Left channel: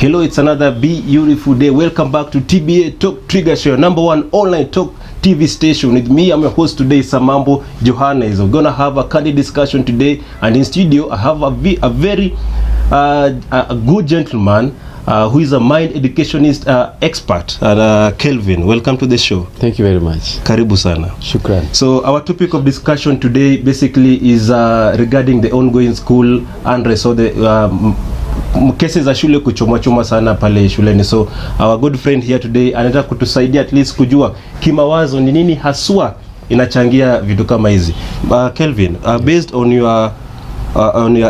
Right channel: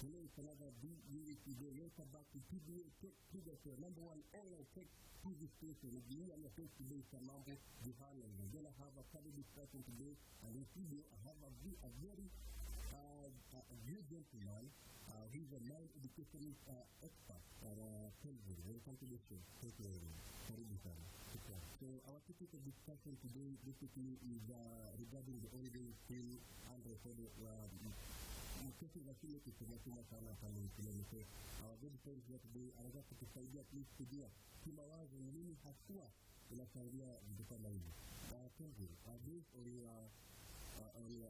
Hello, it's another beautiful day. Welcome back to TBA Talk Trigger Show, number one online talk TV station. With me, I'm your host today, Samambo Johannes. We're gonna have a candid discussion today, and in studio, I have a very good gentleman who is a mind educationist expert, Kelvin. Welcome to the show. Thank you very much. Karibu sana. Shukran. So our topic of discussion today basically is regarding the ongoing school unrest, so the kesi za shule kuchomwa sana pale shuleni. So our good friend here today anataka kutusaidia at least kujua kimawazo ni nini haswa inachangia vitu kama hizi. Kelvin, based on your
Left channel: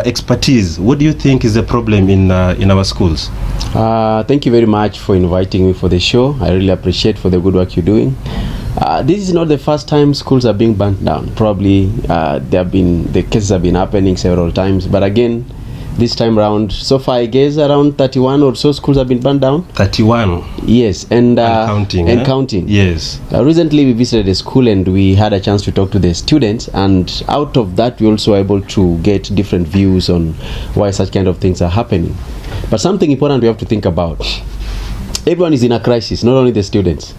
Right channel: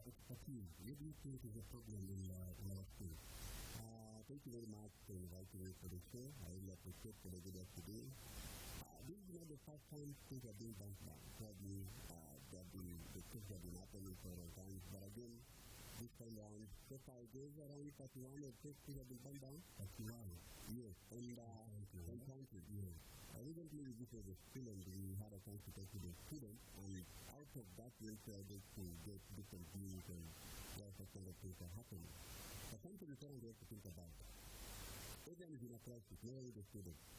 expertise, what do you think is the problem in our schools? Thank you very much for inviting me for the show. I really appreciate for the good work you're doing. This is not the first time schools are being burnt down. Probably the cases have been happening several times, but again, this time around, so far I guess around 31 or so schools have been burned down. 31? Yes, and counting. And counting. Yes. Recently we visited a school and we had a chance to talk to the students, and out of that we also able to get different views on why such kind of things are happening. But something important we have to think about. Everyone is in a crisis, not only the students,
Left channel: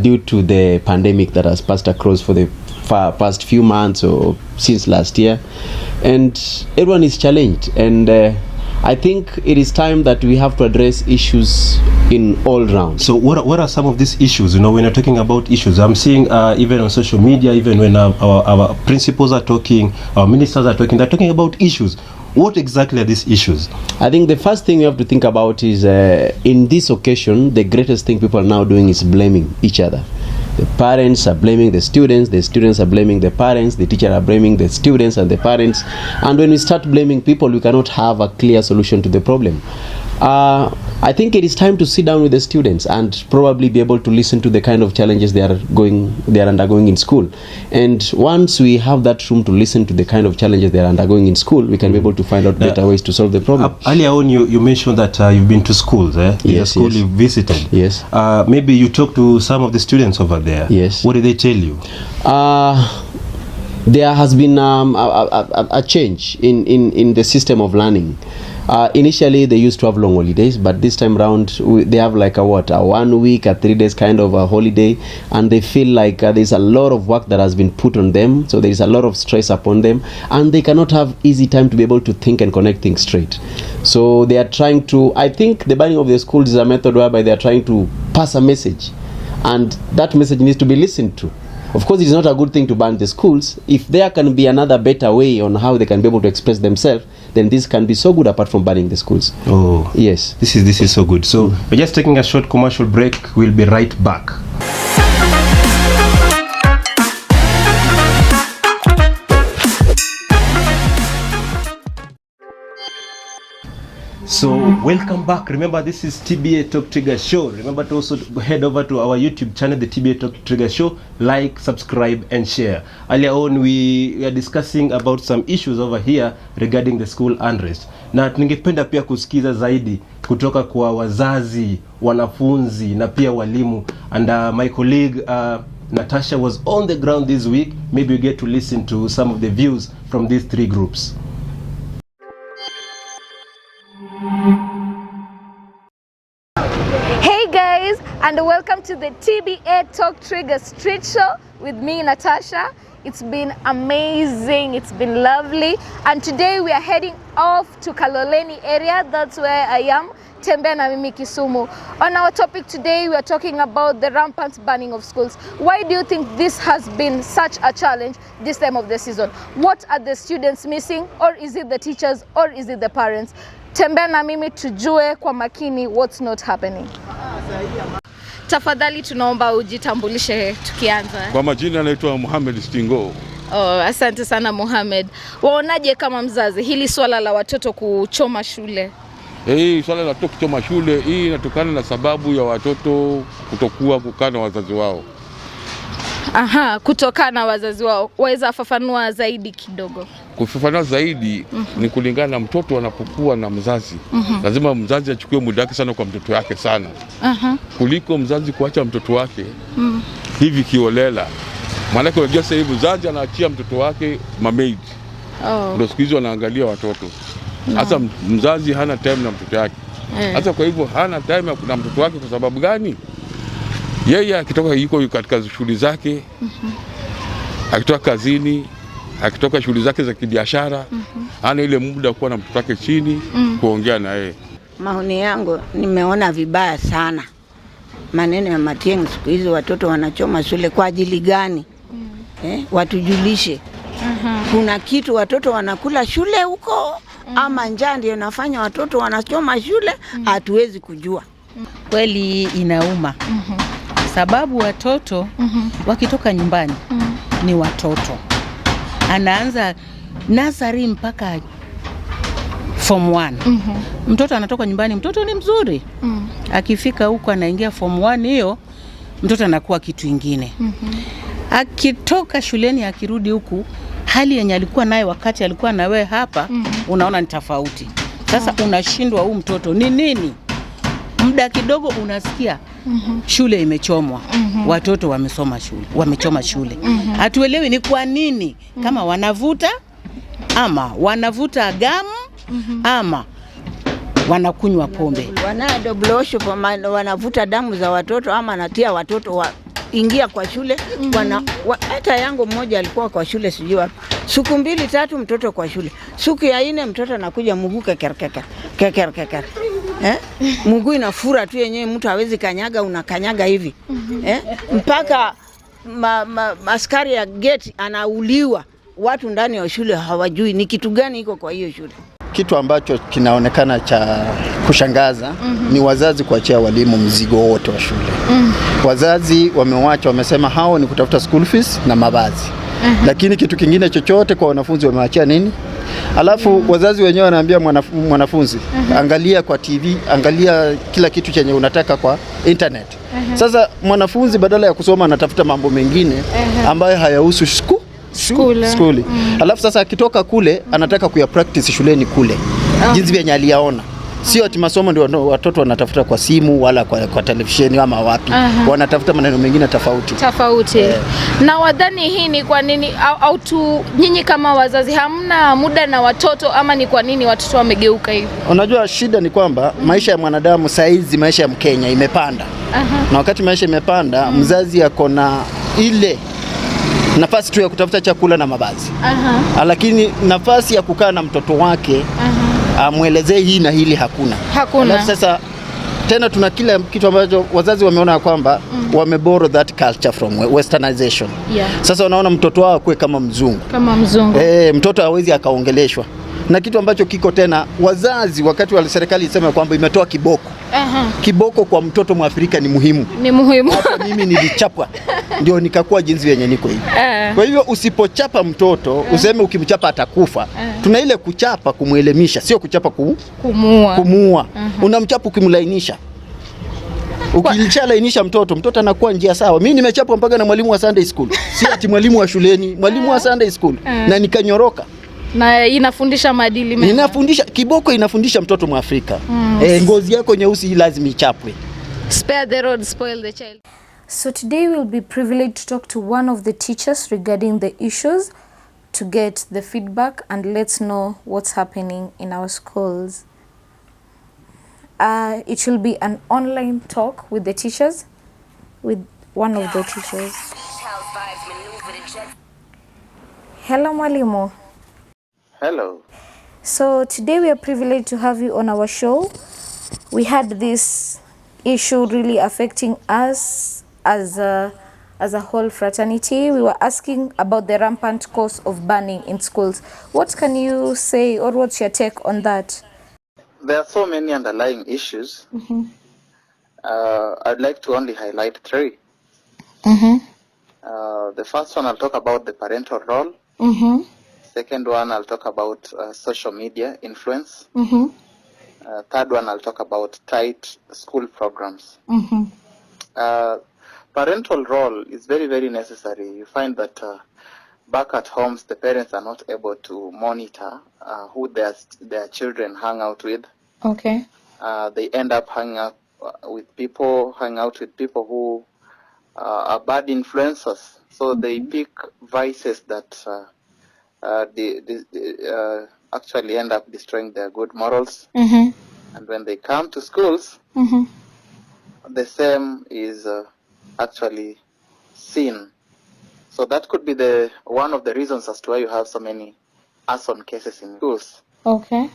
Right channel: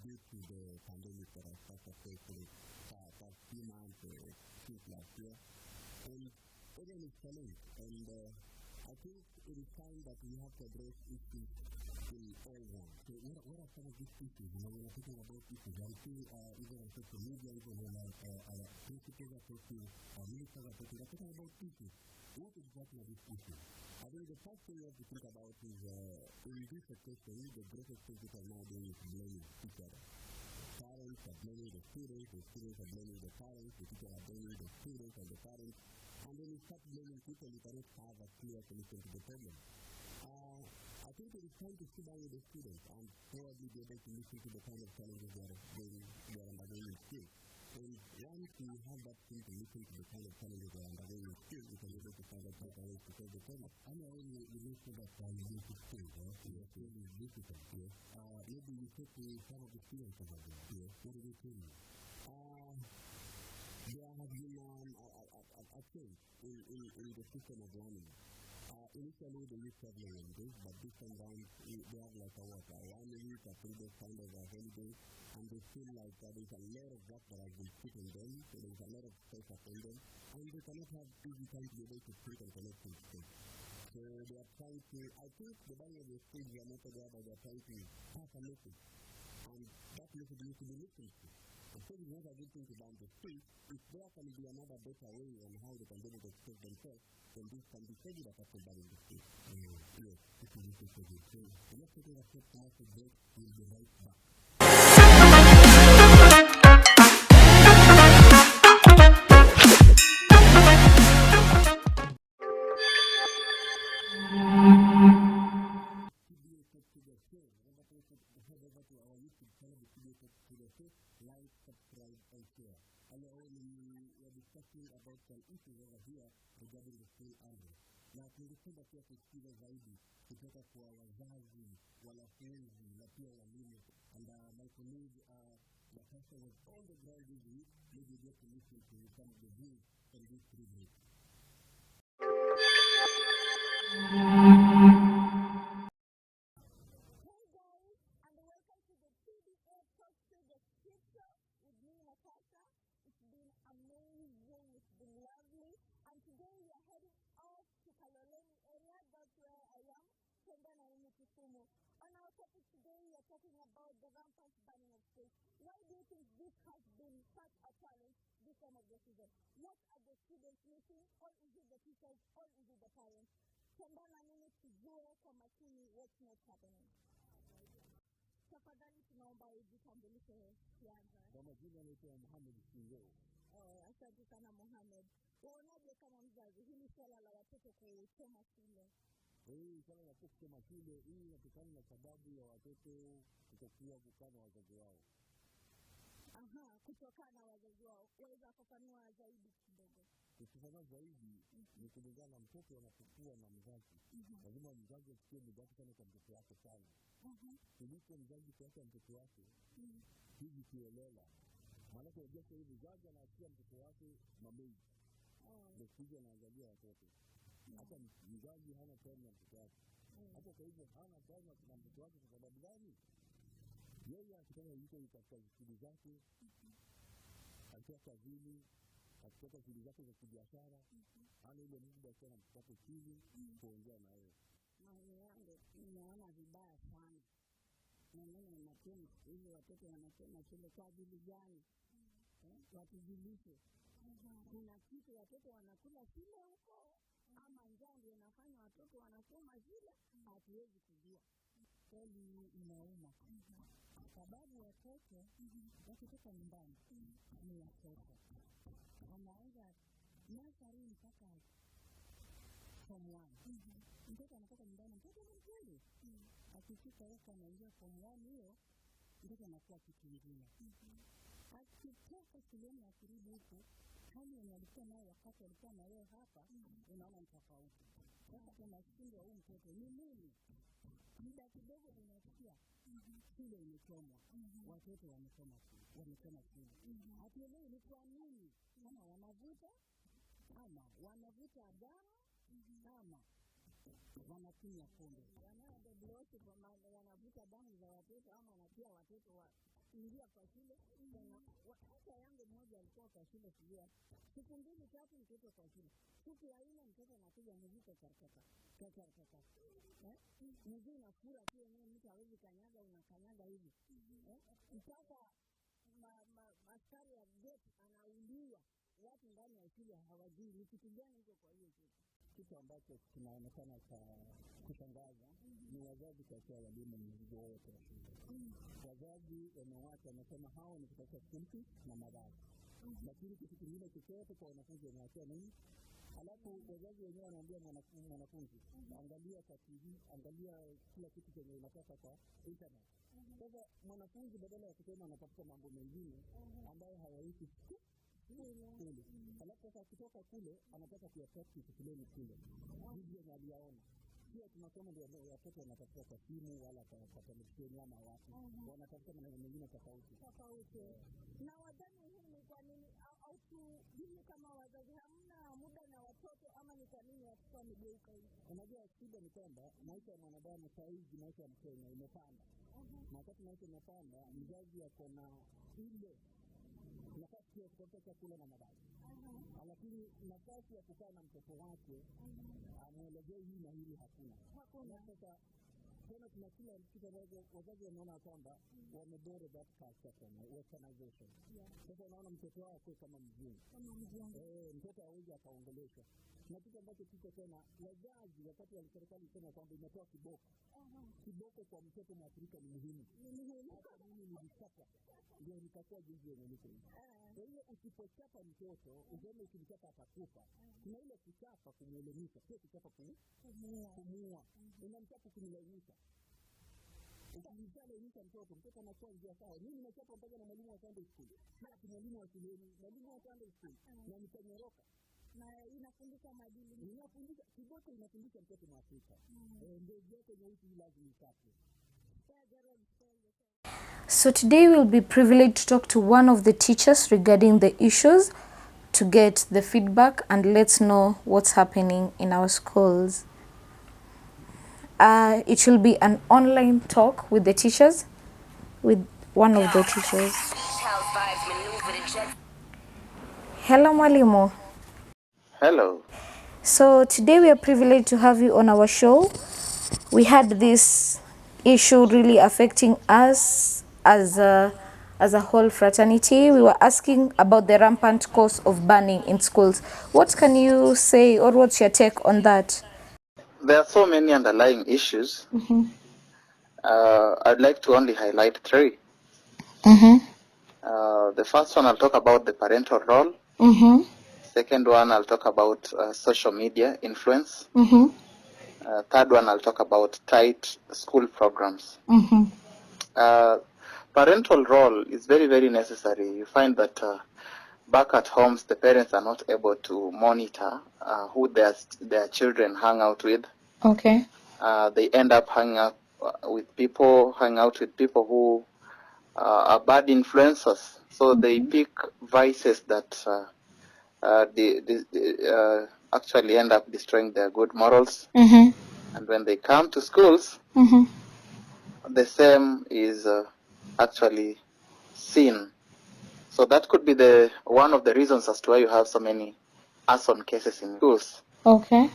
due to the pandemic that has passed across for the past few months or since last year. And everyone is challenged, and I think it is time that we have to address issues in all rounds. So what are some of these issues? You know, when you're talking about issues, I'm seeing even on social media, even when our principals are talking, our ministers are talking, they're talking about issues. What exactly are these issues? I think the first thing we have to think about is, in this occasion, the greatest thing people are now doing is blaming each other. The parents are blaming the students are blaming the parents, the teachers are blaming the students and the parents. And when we start blaming people, we cannot have a clear solution to the problem. I think it is time to sit down with the students and probably be able to listen to the kind of challenges they are undergoing in school. And once we have that room to listen to the kind of challenges they are undergoing in school, we can be able to find out better ways to solve the problem. Earlier on, you mentioned that you've been to schools, eh? Yes, school you visited. Yes. Maybe you talked to some of the students over there. Yes. What did they tell you? There has been a change in the system of learning. Initially they used to have long holidays, but this time around they have like a 1 week, a 3 days kind of a holiday, and they feel like there's a lot of work that has been put on them, so there is a lot of stress upon them, and they cannot have easy time to be able to think and connect things straight. So they are trying to, I think the banning of the schools is a method whereby they are trying to pass a message, and that message needs to be listened to. Of course, it is not a good thing to ban the schools. If there can be another better way on how they can be able to express themselves, then this can be so good apart from banning the schools. Oh, yes. This is so good. So we're just taking a short commercial break. We'll be right back. So welcome back. Remember, this is TBA Talk Trigger Show. Remember to also head over to our YouTube channel, the TBA Talk Trigger Show. Like, subscribe, and share. Earlier on, we are discussing about some issues over here regarding the school unrest. Na ningependa pia kusikiza zaidi kutoka kwa wazazi, wanafunzi, na pia walimu. And my colleague Natasha was on the ground this week. Maybe you get to listen to some of the views from these three groups. Hey guys, and welcome to the TBA Talk Trigger Street Show with me, Natasha. It's been amazing, it's been lovely, and today we are heading off to Kaloleni area. That's where I am, Tembea na Mimi Kisumu. On our topic today, we are talking about the rampant banning of schools. Why do you think this has been such a challenge this time of the season? What are the students missing, or is it the teachers, or is it the parents? Tembea na mimi tujue kwa makini what's not happening. Tafadhali tunaomba ujitambulishe tukianza. Kwa majina naitwa Mohamed Stingo. Oh, asante sana Mohamed. Waonaje kama mzazi hili swala la watoto kuchoma shule? Hii swala la watoto kuchoma shule hii inatokana na sababu ya watoto kutokuwa kukaa na wazazi wao. Aha, kutokana na wazazi wao. Waweza fafanua zaidi kidogo? Kufafanua zaidi ni kulingana na mtoto anapokuwa na mzazi. Lazima mzazi achukue muda wake sana kwa mtoto wake sana. Kuliko mzazi kuacha mtoto wake hivi kiolela. Maana unajua sasa hivi mzazi anaachia mtoto wake mamaid. Ndio siku hizo wanaangalia watoto. Sasa mzazi hana time na mtoto wake. Sasa kwa hivyo hana time ya kuna mtoto wake. Kwa sababu gani? Yeye akitoka yuko katika shughuli zake, akitoka kazini, akitoka shughuli zake za kibiashara, hana ile muda kuwa na mtoto wake chini kuongea na yeye. Maoni yangu, nimeona vibaya sana maneno ya Matiang'i. Siku hizi watoto wanachoma shule kwa ajili gani? Watujulishe. Kuna kitu watoto wanakula shule huko ama njaa ndio inafanya watoto wanachoma shule? Hatuwezi kujua. Kweli inauma. Sababu watoto wakitoka nyumbani ni watoto. Anaanza nursery mpaka form 1. Mtoto anatoka nyumbani, mtoto ni mzuri. Akifika huko anaingia form 1, hiyo mtoto anakuwa kitu kingine. Akitoka shuleni akirudi huku, hali yenye alikuwa naye wakati alikuwa na wewe hapa, unaona ni tofauti. Sasa unashindwa huu mtoto ni nini? Muda kidogo unasikia shule imechomwa. Watoto wamechoma shule. Hatuelewi ni kwa nini, kama wanavuta ama wanavuta gamu ama wanakunywa pombe. Wanadoblosho wanavuta damu za watoto ama natia watoto ingia kwa shule. Hata yangu mmoja alikuwa kwa shule sijui wapi. Siku 2-3 mtoto kwa shule. Siku ya 4 mtoto anakuja mguu keker. Mguu inafura tu yenyewe, mtu hawezi kanyaga, unakanyaga hivi. Mpaka askari ya gate anauliwa. Watu ndani ya shule hawajui ni kitu gani iko kwa hiyo shule. Kitu ambacho kinaonekana cha kushangaza ni wazazi kuachia walimu mzigo wote wa shule. Wazazi wamewacha, wamesema hao ni kutafuta school fees na mavazi. Lakini kitu kingine chochote kwa wanafunzi wamewaachia nini? Alafu wazazi wenyewe wanaambia mwanafunzi, angalia kwa TV, angalia kila kitu chenye unataka kwa internet. Sasa mwanafunzi badala ya kusoma anatafuta mambo mengine ambayo hayahusu skuli. Alafu sasa akitoka kule anataka kuya practice shuleni kule. Jinsi vyenye aliyaona. Sio ati masomo ndio watoto wanatafuta kwa simu wala kwa televisheni ama wapi. Wanatafuta maneno mengine tofauti. Na wadhani hii ni kwa nini au tu nyinyi kama wazazi hamna muda na watoto, ama ni kwa nini watoto wamegeuka hivi? Unajua shida ni kwamba maisha ya mwanadamu saizi, maisha ya Mkenya imepanda. Na wakati maisha imepanda, mzazi yako na ile nafasi tu ya kutafuta chakula na mavazi. Lakini nafasi ya kukaa na mtoto wake amwelezee hii na hili hakuna. Alafu sasa tena tuna kila kitu ambacho wazazi wameona kwamba wameborrow that culture from westernization. Sasa unaona mtoto wao akue kama mzungu. Mtoto hawezi akaongeleshwa. Na kitu ambacho kiko tena, wazazi wakati wa serikali isema kwamba imetoa kiboko. Kiboko kwa mtoto Mwafrika ni muhimu. Hata mimi nilichapwa ndio nikakuwa jinsi yenye niko hivi. Kwa hivyo usipochapa mtoto useme ukimchapa atakufa. Tuna ile kuchapa kumuelimisha, sio kuchapa kumuua. Unamchapa ukimlainisha. Ukilainisha mtoto anakuwa njia sawa. Mimi nimechapwa mpaka na mwalimu wa Sunday school. Si ati mwalimu wa shuleni, mwalimu wa Sunday school. Na nikanyoroka. Na inafundisha maadili mema. Kiboko inafundisha mtoto Mwafrika. Ngozi yako nyeusi lazima ichapwe. Spare the rod, spoil the child. So today we'll be privileged to talk to one of the teachers regarding the issues, to get the feedback and let's know what's happening in our schools. It will be an online talk with the teachers, with one of the teachers. Hello, Mwalimu. Hello. So today we are privileged to have you on our show. We had this issue really affecting us as a whole fraternity. We were asking about the rampant cause of burning in schools. What can you say, or what's your take on that? There are so many underlying issues. I'd like to only highlight 3. The first one, I'll talk about the parental role. Second one, I'll talk about social media influence. Third one, I'll talk about tight school programs. Parental role is very, very necessary. You find that back at homes, the parents are not able to monitor who their children hang out with. They end up hanging out with people who are bad influencers. So they pick vices that they actually end up destroying their good morals. And when they come to schools, the same is actually seen. So that could be one of the reasons as to why you have so many arson cases in schools. Okay.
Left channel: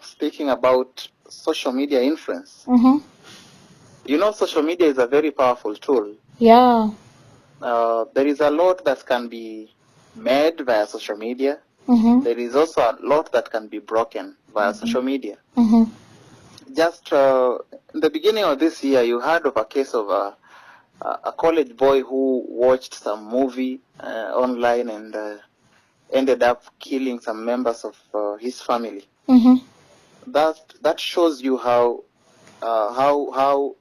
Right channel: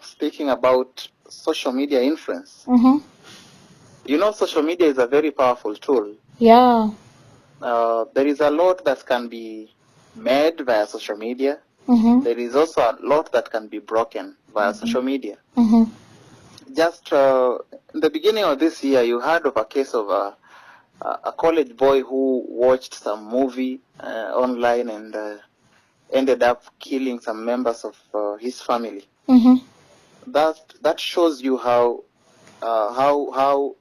Speaking about social media influence, social media is a very powerful tool. Yeah. There is a lot that can be made via social media. There is also a lot that can be broken via social media. Just in the beginning of this year, you heard of a case of a college boy who watched some movie online and ended up killing some members of his family. That shows you how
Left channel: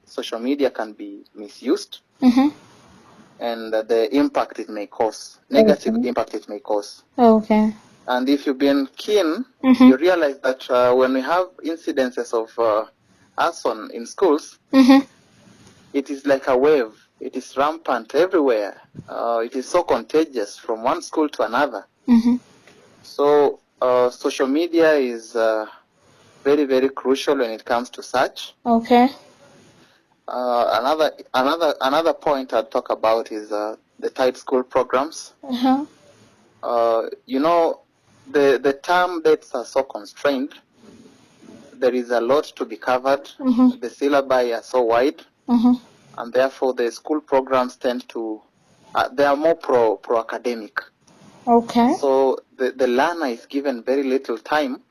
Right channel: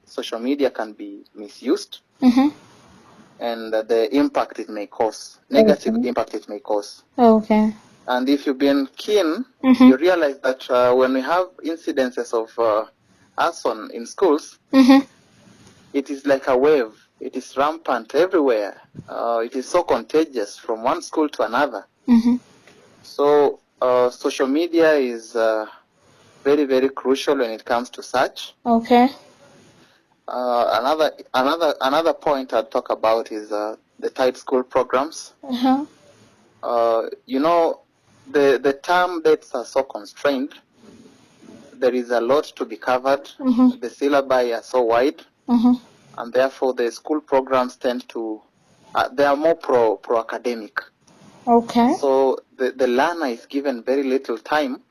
social media can be misused, and the impact it may cause, negative impact it may cause. Okay. And if you've been keen, you realize that when we have incidences of arson in schools, it is like a wave. It is rampant everywhere. It is so contagious from one school to another. So social media is very, very crucial when it comes to such. Okay. Another point I'd talk about is the tight school programs. The term dates are so constrained. There is a lot to be covered. The syllabi are so wide, and therefore the school programs tend to they are more pro academic. Okay. So the learner is given very little time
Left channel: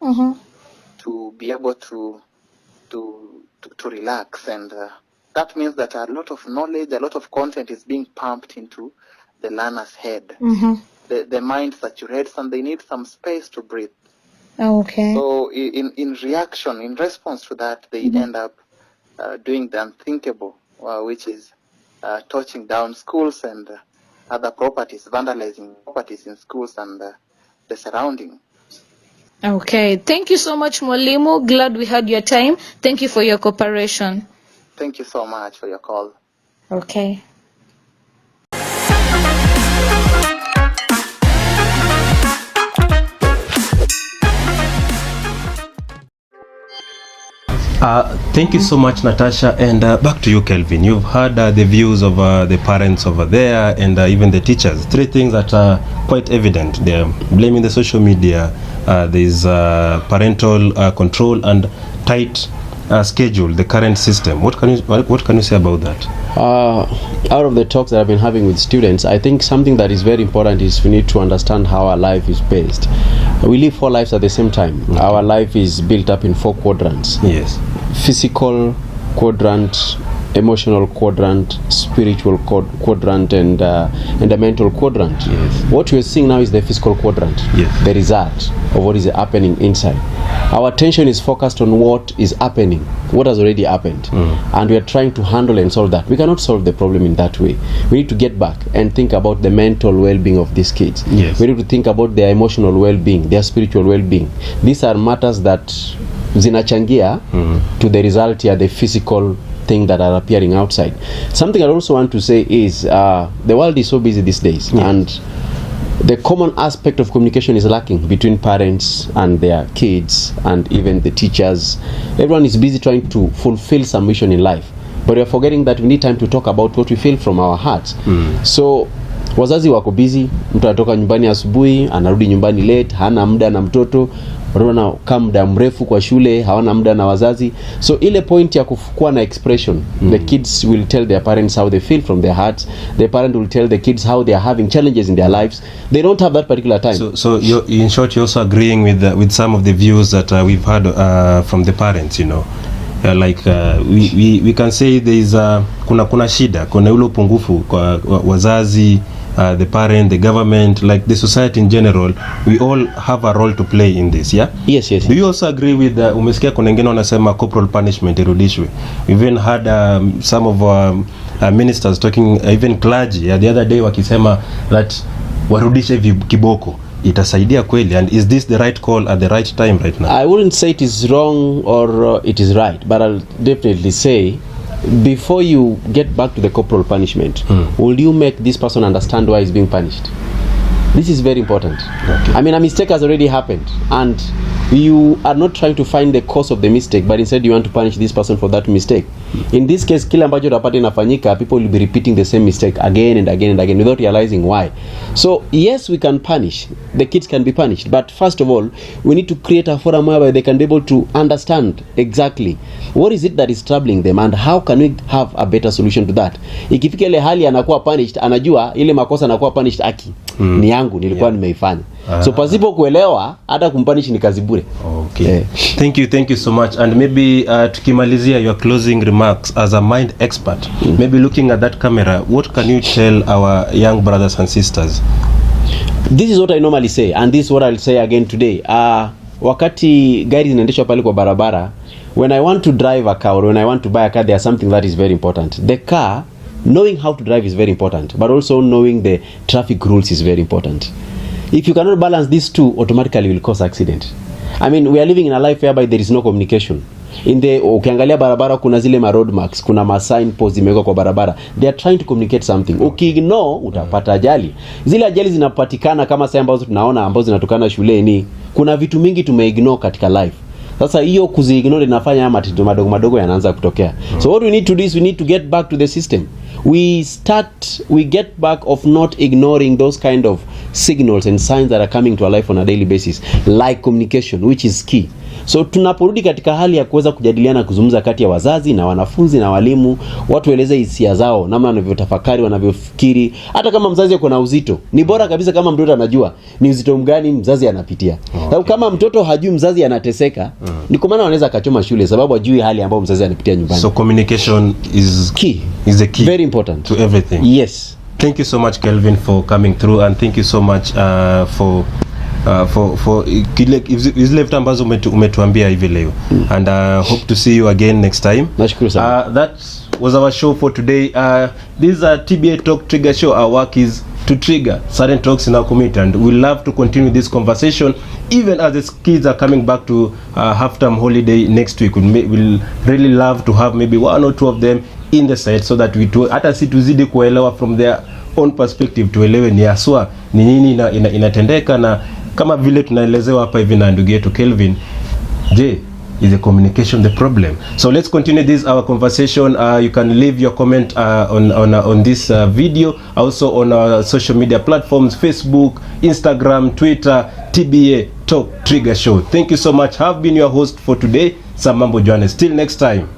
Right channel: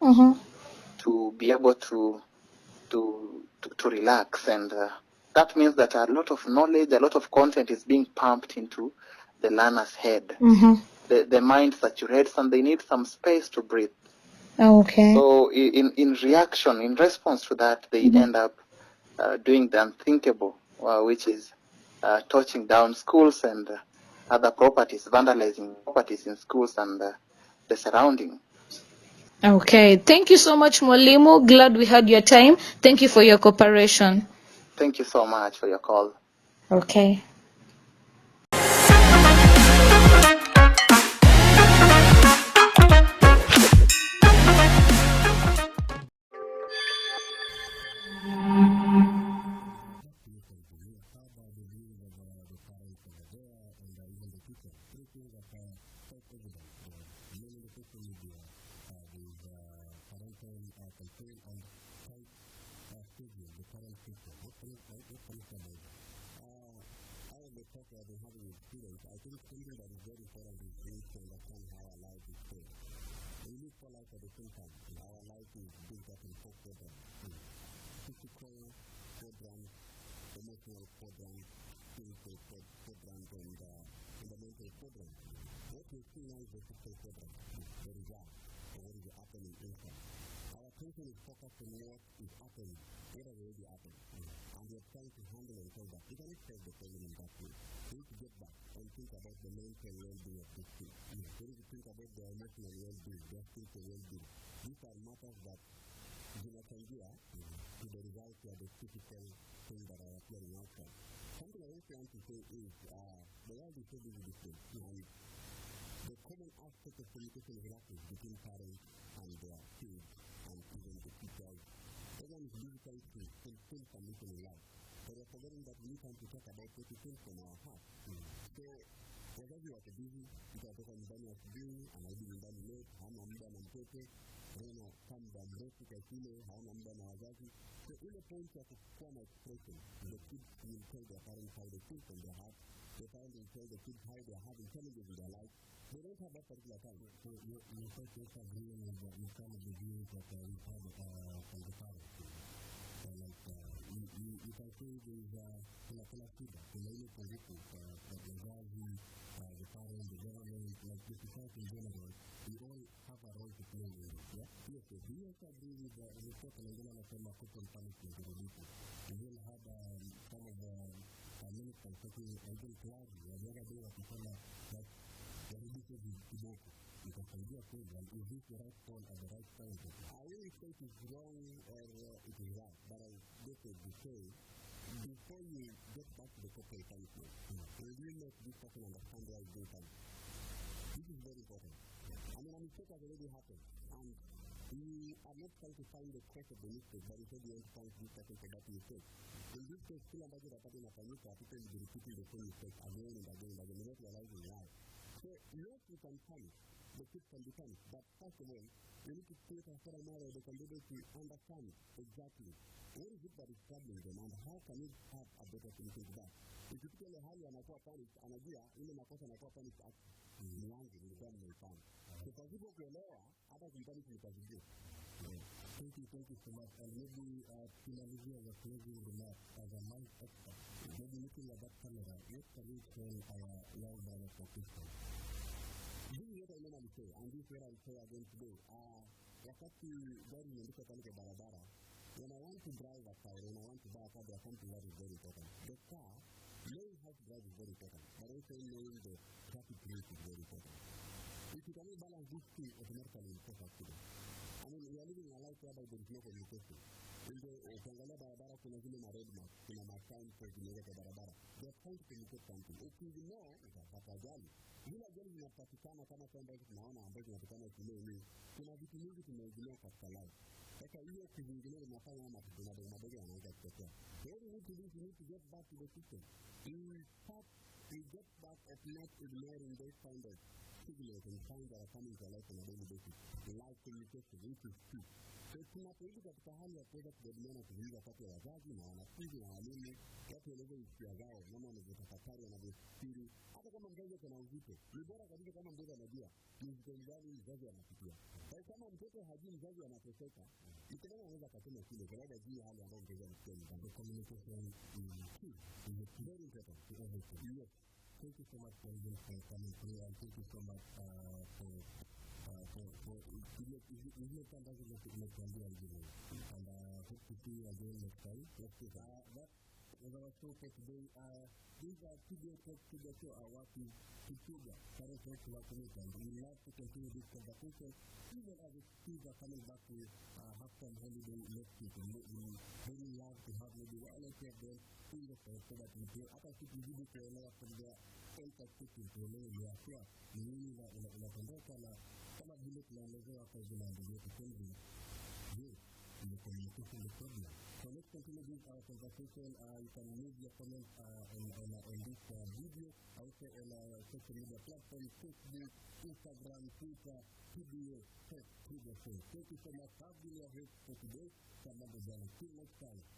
to be able to relax, and that means that a lot of knowledge, a lot of content is being pumped into the learner's head. The mind saturates, and they need some space to breathe. Okay. So in reaction, in response to that, they end up doing the unthinkable, which is torching down schools and other properties, vandalizing properties in schools and the surrounding. Okay. Thank you so much, Mwalimu. Glad we had your time. Thank you for your cooperation. Thank you so much for your call. Okay. Thank you so much, Natasha, and back to you, Kelvin. You've heard the views of the parents over there and even the teachers. Three things that are quite evident. They're blaming the social media, there's parental control and tight schedule, the current system. What can you say about that? Out of the talks that I've been having with students, I think something that is very important is we need to understand how our life is based. We live 4 lives at the same time. Okay. Our life is built up in 4 quadrants. Yes. Physical quadrant, emotional quadrant, spiritual quadrant, and a mental quadrant. Yes. What we're seeing now is the physical quadrant. Yes. The result of what is happening inside. Our attention is focused on what is happening, what has already happened, and we are trying to handle and solve that. We cannot solve the problem in that way. We need to get back and think about the mental well-being of these kids. Yes. We need to think about their emotional well-being, their spiritual well-being. These are matters that zinachangia to the result here, the physical thing that are appearing outside. Something I also want to say is the world is so busy these days, and the common aspect of communication is lacking between parents and their kids and even the teachers. Everyone is busy trying to fulfill some mission in life, but we are forgetting that we need time to talk about what we feel from our hearts. So wazazi wako busy, mtu anatoka nyumbani asubuhi anarudi nyumbani late, hana muda na mtoto, wanaona kama muda mrefu kwa shule, hawana muda na wazazi. So ile point ya kuwa na expression, the kids will tell their parents how they feel from their hearts. The parent will tell the kids how they are having challenges in their lives. They don't have that particular time. So in short, you're also agreeing with some of the views that we've heard from the parents, you know. We can say there is kuna shida, kuna ule upungufu kwa wazazi, the parent, the government, like the society in general. We all have a role to play in this, yeah? Yes. Do you also agree with umesikia kuna wengine wanasema corporal punishment irudishwe? We've even had some of our ministers talking, even clergy the other day wakisema that warudishe kiboko. Itasaidia kweli, and is this the right call at the right time right now? I wouldn't say it is wrong or it is right, but I'll definitely say before you get back to the corporal punishment, will you make this person understand why he's being punished? This is very important. Okay. I mean, a mistake has already happened, and you are not trying to find the cause of the mistake, but instead you want to punish this person for that mistake. In this case, kila ambacho utapata inafanyika, people will be repeating the same mistake again and again and again without realizing why. So yes, we can punish, the kids can be punished, but first of all, we need to create a forum where they can be able to understand exactly what is it that is troubling them and how can we have a better solution to that. Ikifika ile hali anakuwa punished, anajua ile makosa anakuwa punished aki ni yangu nilikuwa nimeifanya. So pasipo kuelewa hata kumpunish ni kazi bure. Okay. Thank you so much. And maybe tukimalizia your closing remarks as a mind expert, maybe looking at that camera, what can you tell our young brothers and sisters? This is what I normally say, and this is what I'll say again today. Wakati gari zinaendeshwa pale kwa barabara, when I want to drive a car or when I want to buy a car, there's something that is very important. The car, knowing how to drive is very important, but also knowing the traffic rules is very important. If you cannot balance these two, automatically will cause accident. I mean, we are living in a life whereby there is no communication. Ukiangalia barabara kuna zile ma road marks, kuna ma sign posts zimewekwa kwa barabara. They are trying to communicate something. Ukiignore utapata ajali. Zile ajali zinapatikana kama sasa ambazo tunaona ambazo zinatokana shuleni. Kuna vitu mingi tumeignore katika life. Sasa hiyo kuziignore inafanya matatizo madogo yanaanza kutokea. So what we need to do is we need to get back to the system. We get back of not ignoring those kind of signals and signs that are coming to our life on a daily basis, like communication, which is key. So tunaporudi katika hali ya kuweza kujadiliana, kuzungumza kati ya wazazi na wanafunzi na walimu, watu waeleze hisia zao, namna wanavyotafakari, wanavyofikiri. Hata kama mzazi yuko na uzito, ni bora kabisa kama mtoto anajua ni uzito mgani mzazi anapitia. Sababu kama mtoto hajui mzazi anateseka, ni kwa maana anaweza akachoma shule sababu hajui hali ambayo mzazi anapitia nyumbani. So communication is key. Is the key. Very important to everything. Yes. Thank you so much, Kelvin, for coming through, and thank you so much for zile vitu ambazo umetuambia hivi leo, and hope to see you again next time. Nashukuru sana. That was our show for today. This is a TBA Talk Trigger show. Our work is to trigger certain talks in our community, and we love to continue this conversation even as the kids are coming back to half-term holiday next week. We'll really love to have maybe one or two of them in the set so that hata si tuzidi kuelewa from their own perspective, tuelewe ni aswa ni nini inatendeka, na kama vile tunaelezewa hapa hivi na ndugu yetu Kelvin, je, is the communication the problem? So let's continue this our conversation. You can leave your comment on this video, also on our social media platforms, Facebook, Instagram, Twitter, TBA Talk Trigger Show. Thank you so much. Have been your host for today, Samambo Johannes. Till next time.